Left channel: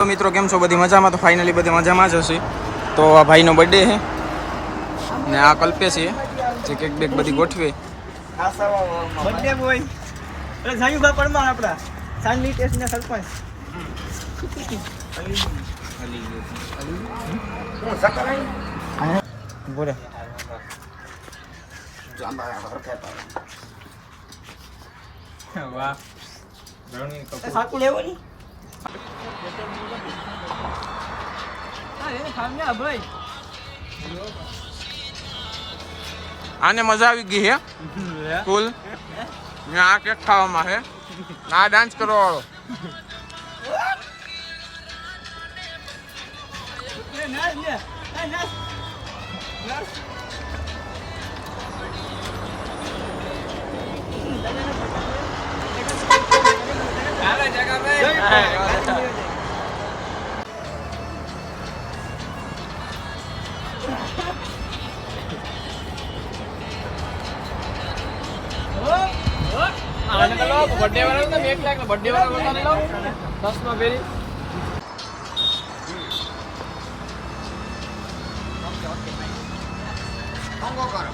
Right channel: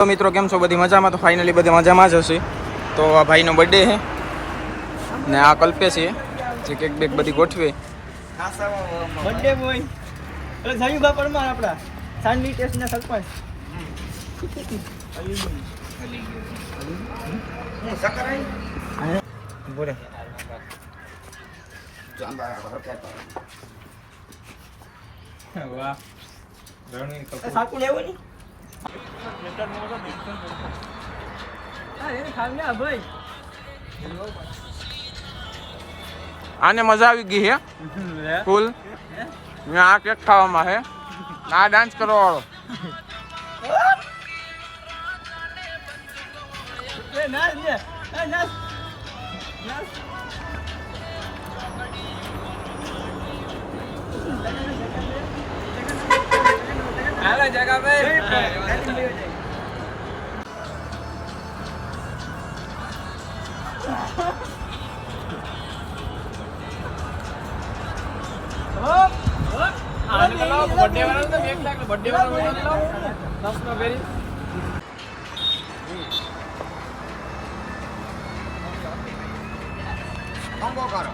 તો મિત્રો કેમ છો? બધી મજામાં? તો ફાઇનલી બધી મજામાં જ હશે. તો આ ભાઈનો બર્થડે છે ને આ કલ્પેશ છે જે કેક બેક બધી ગોઠવે. બર્થડે બોય એટલે જાયુભા પરમાર આપડા સાંગલી ટેસ્ટના સરપંચ. હલી ગયો હું સકરાઈ બોલે જાંબા ઘર કહેતા વાહ રણવીર કપૂર સાકુ લેવો ની આ એને ખાને આ ભાઈ આને મજા આવી ગઈ હે ફૂલ. આ કેક ખાવામાં હે આ ડાન્સ કરવા વાળો નાચ ને નાચ નાચ આલા જગા ભાઈ બર્થડે વાળો તો 1 લાખ બર્થડે વાળો બસ નો વેરી કોંગો કરો